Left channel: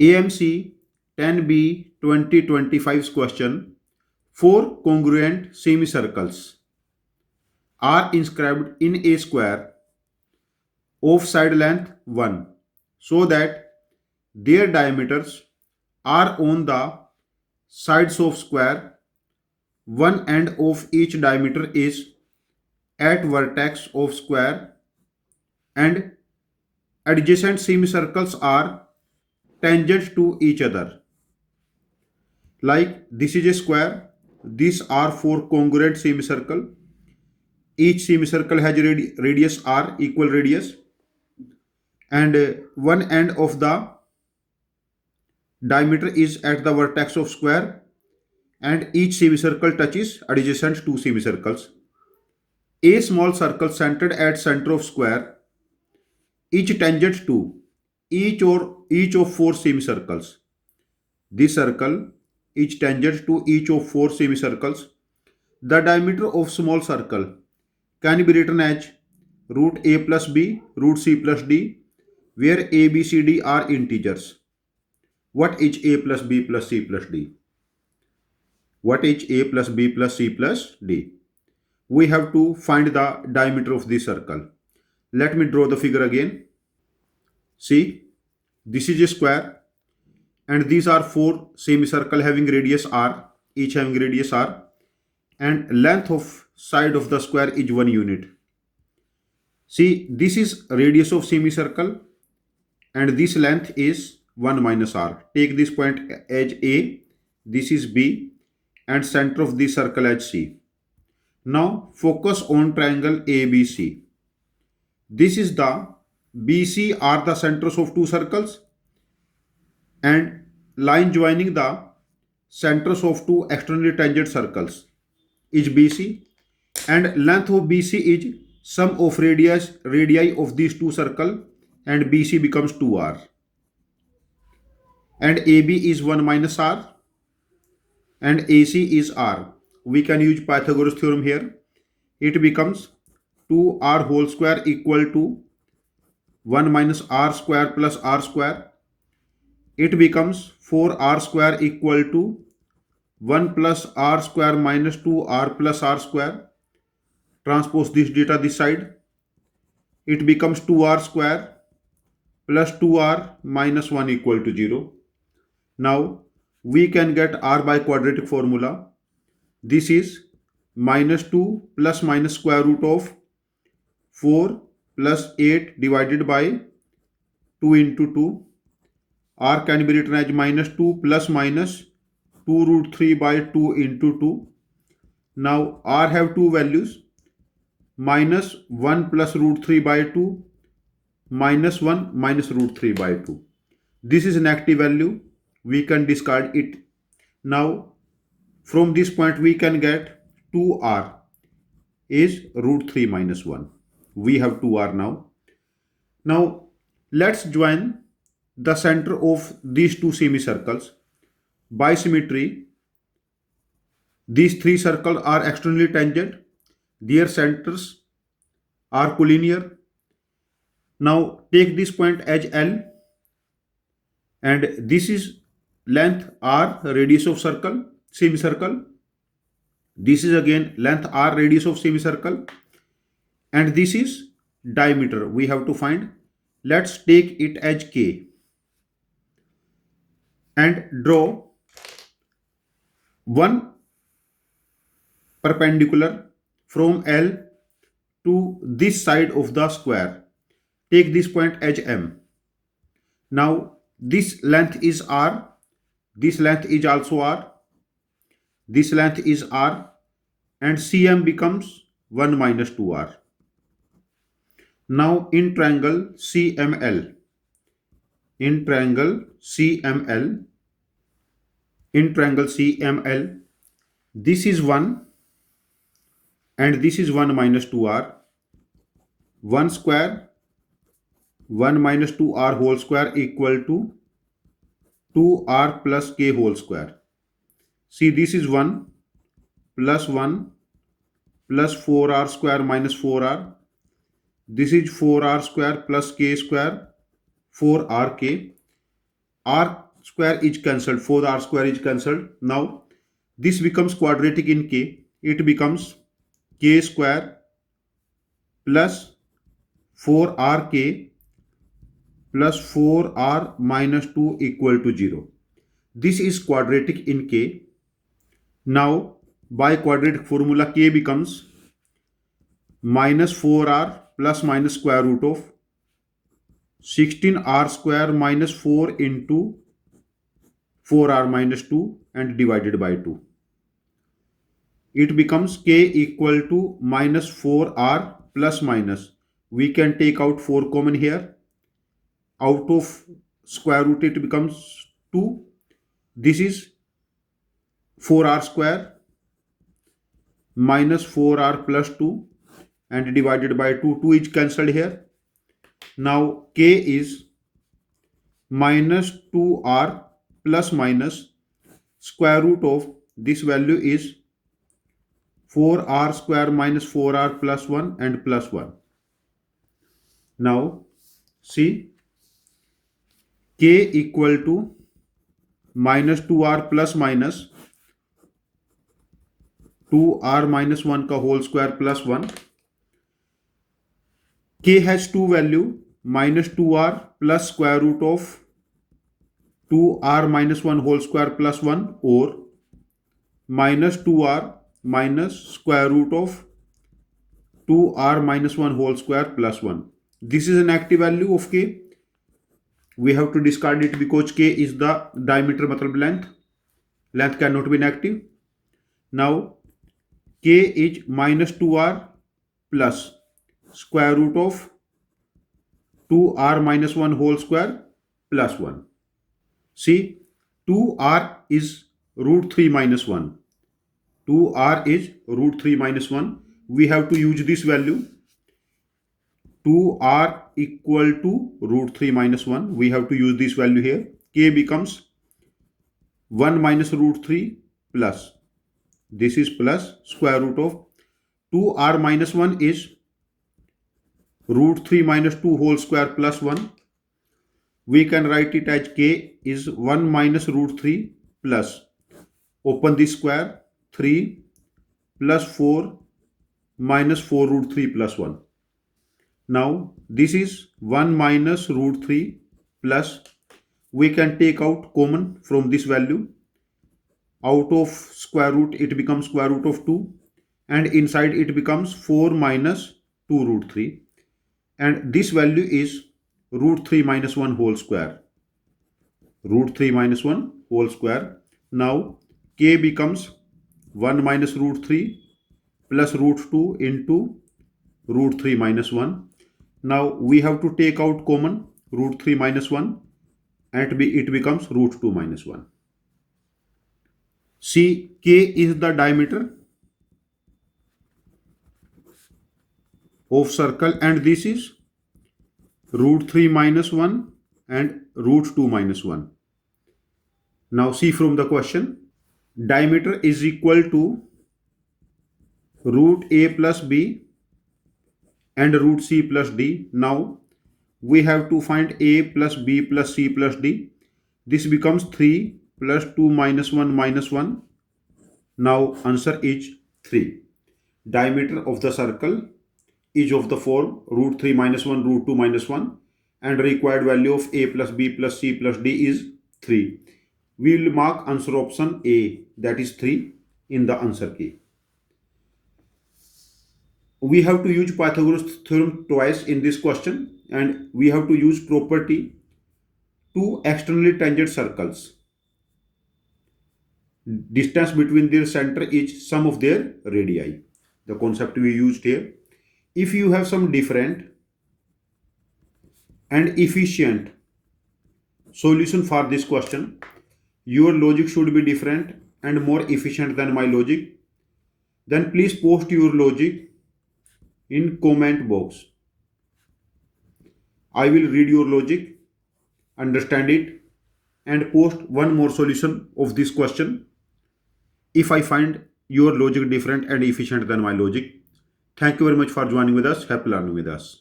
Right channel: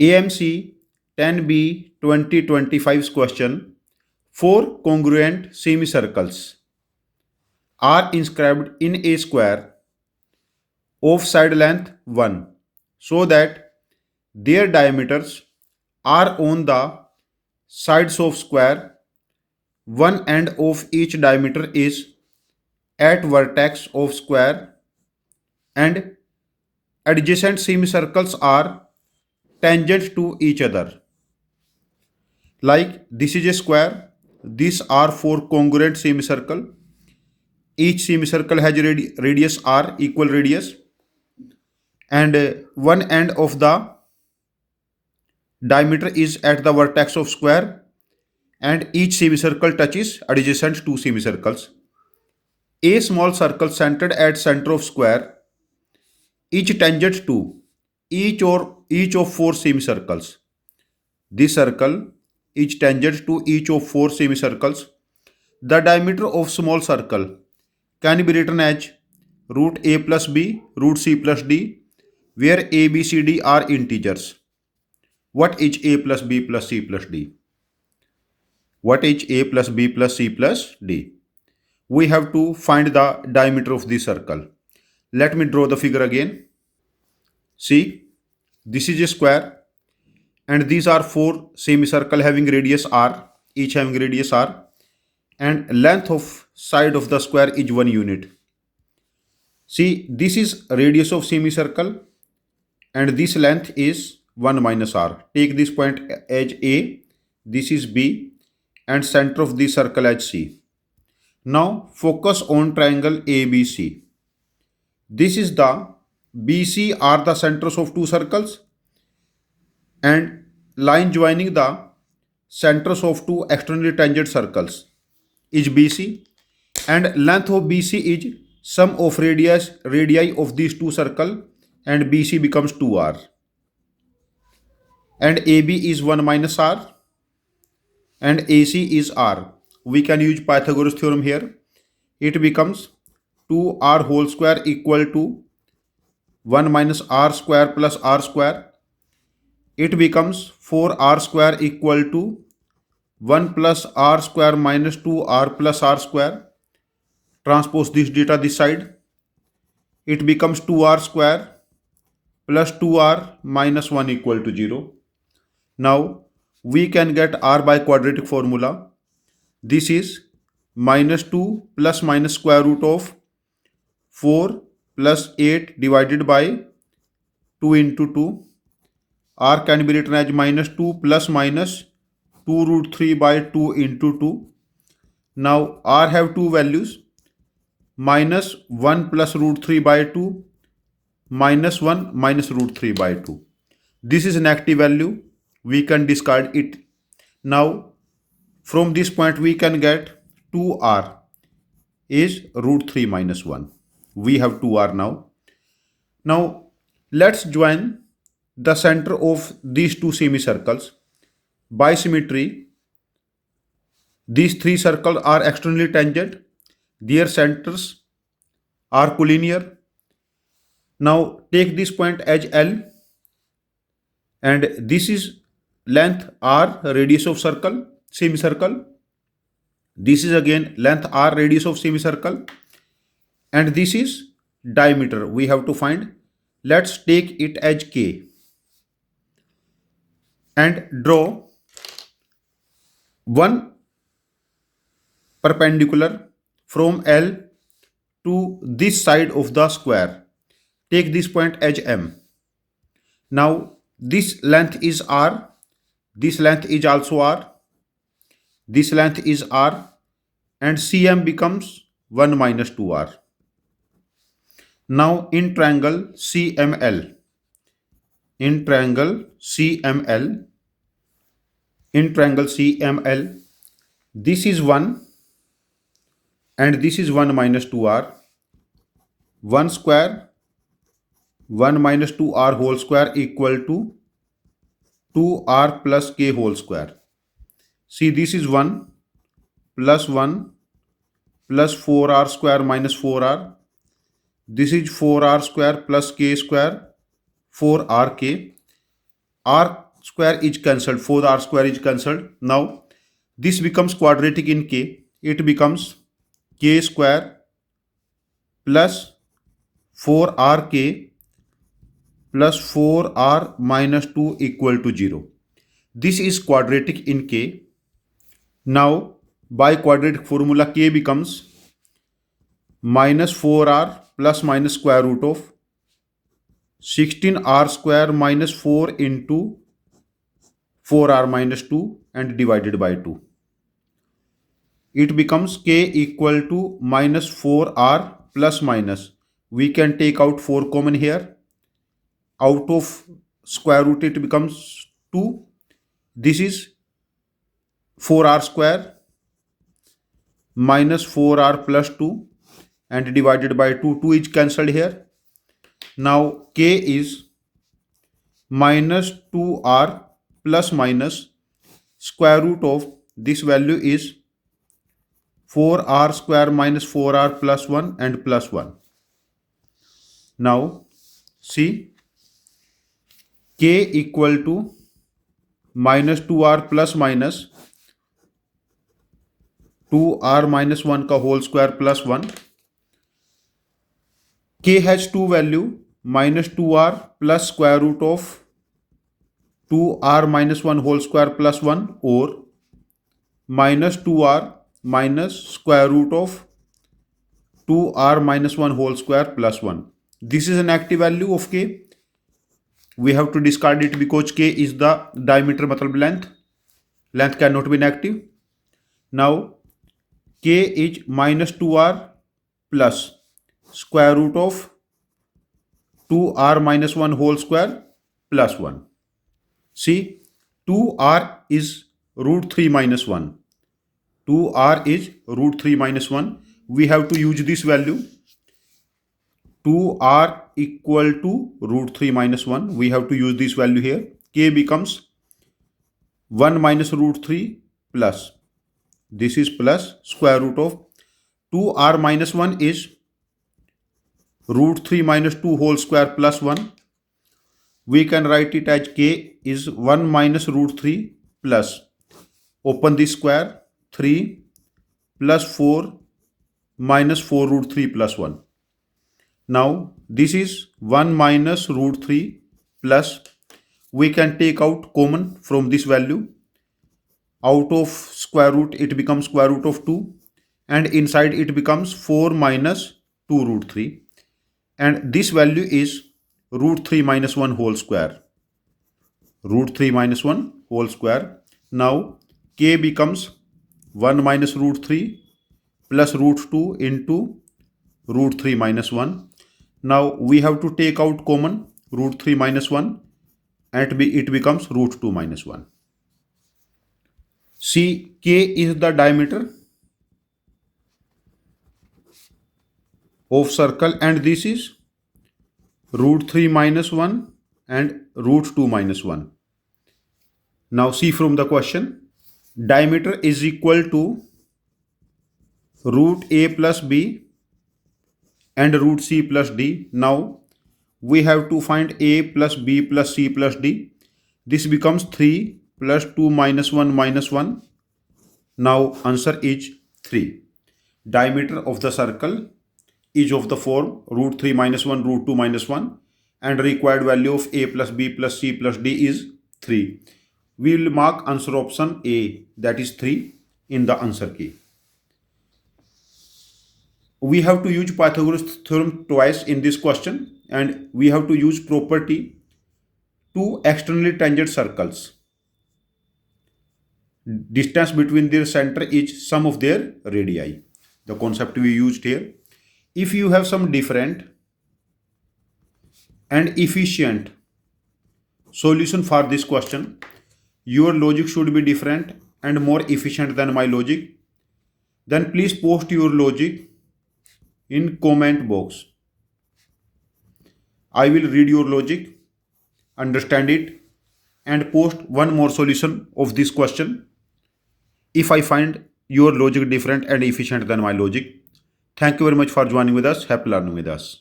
AMC 10B 2025's question. Four congruent semicircles are inscribed in a square of side length 1 so that their diameters are on the sides of square. One end of each diameter is at vertex of square and adjacent semicircles are tangent to each other. Like this is a square, these are four congruent semicircle. Each semicircle has radius r, equal radius, and one end of the diameter is at the vertex of square, and each semicircle touches adjacent two semicircles. A small circle centered at center of square, each tangent to each of four semicircles. This circle is tangent to each of four semicircles. The diameter of small circle can be written as root a plus b, root c plus d, where a, b, c, d are integers. What is a plus b plus c plus d? What is a plus b plus c plus d? We have to find the diameter of this circle. Let me draw the figure again. See, this is a square and these are four semicircle having radius r, each having radius r, and length of side of the square is 1 unit. See, this is radius of semicircle and this length is 1 minus r. Take this point as A, this is B, and center of the circle as C. Now focus on triangle ABC. This is the BC are the centers of two circles, and line joining the centers of two externally tangent circles is BC, and length of BC is sum of radii of these two circles, and BC becomes 2r, and AB is 1 minus r, and AC is r. We can use Pythagoras theorem here. It becomes 2r whole square equal to 1 minus r square plus r square. It becomes 4r square equal to 1 plus r square minus 2r plus r square. Transpose this data this side. It becomes 2r square plus 2r minus 1 equal to 0. Now we can get r by quadratic formula. This is minus 2 plus minus square root of 4 plus 8 divided by 2 into 2. R can be written as minus 2 plus minus 2 root 3 by 2 into 2. Now R have two values, minus 1 plus root 3 by 2, minus 1 minus root 3 by 2. This is a negative value. We can discard it. Now from this point we can get 2r is root 3 minus 1. We have 2r now. Now let's join the center of these two semicircles. By symmetry, these three circles are externally tangent. Their centers are collinear. Now take this point as L, and this is length r, radius of circle, semicircle. This is again length r, radius of semicircle, and this is diameter we have to find. Let's take it as K and draw one perpendicular from L to this side of the square. Take this point as M. Now this length is r, this length is also r, this length is r, and CM becomes 1 minus 2r. Now in triangle CML, in triangle CML, this is 1 and this is 1 minus 2r. 1 square 1 minus 2r whole square equal to 2r plus k whole square. See, this is 1 plus 1 plus 4r square minus 4r. This is 4r square plus k square, 4rk. R square is cancelled, 4r square is cancelled. Now this becomes quadratic in k. It becomes k square plus 4rk plus 4r minus 2 equal to 0. This is quadratic in k. Now by quadratic formula k becomes minus 4r plus minus square root of 16r square minus 4 into 4r minus 2 and divided by 2. It becomes k equal to minus 4r plus minus. We can take out 4 common here. Out of square root it becomes 2. This is 4r square minus 4r plus 2 and divided by 2. 2 is cancelled here. Now k is minus 2r plus minus square root of this value is 4r square minus 4r plus 1 and plus 1. Now see, k equal to minus 2r plus minus 2r minus 1 का whole square plus 1. K has two value, minus 2r plus square root of 2r minus 1 whole square plus 1 or minus 2r minus square root of 2r minus 1 whole square plus 1. This is an active value of k. We have to discard it because k is the diameter, matlab length. Length cannot be negative. Now k is minus 2r plus square root of 2r minus 1 whole square plus 1. See, 2r is root 3 minus 1. 2r is root 3 minus 1. We have to use this value. 2r equal to root 3 minus 1. We have to use this value here. K becomes 1 minus root 3 plus. This is plus square root of 2r minus 1 is root 3 minus 2 whole square plus 1. We can write it as k is 1 minus root 3 plus, open this square, 3 plus 4 minus 4 root 3 plus 1. Now this is 1 minus root 3 plus, we can take out common from this value. Out of square root it becomes square root of 2 and inside it becomes 4 minus 2 root 3 and this value is root 3 minus 1 whole square. Root 3 minus 1 whole square. Now k becomes 1 minus root 3 plus root 2 into root 3 minus 1. Now we have to take out common root 3 minus 1 and it becomes root 2 minus 1. See, k is the diameter of circle and this is root 3 minus 1 and root 2 minus 1. Now see from the question, diameter is equal to root a plus b and root c plus d. Now we have to find a plus b plus c plus d. This becomes 3 plus 2 minus 1 minus 1. Now answer is 3. Diameter of the circle is of the form root 3 minus 1 root 2 minus 1 and required value of a plus b plus c plus d is 3. We will mark answer option A, that is 3 in the answer key. We have to use Pythagoras theorem twice in this question and we have to use property two externally tangent circles. Distance between their center is sum of their radii. The concept we used here. If you have some different and efficient solution for this question, your logic should be different and more efficient than my logic, then please post your logic in comment box. I will read your logic, understand it and post one more solution of this question if I find your logic different and efficient than my logic. Thank you very much for joining with us. Happy learning with us.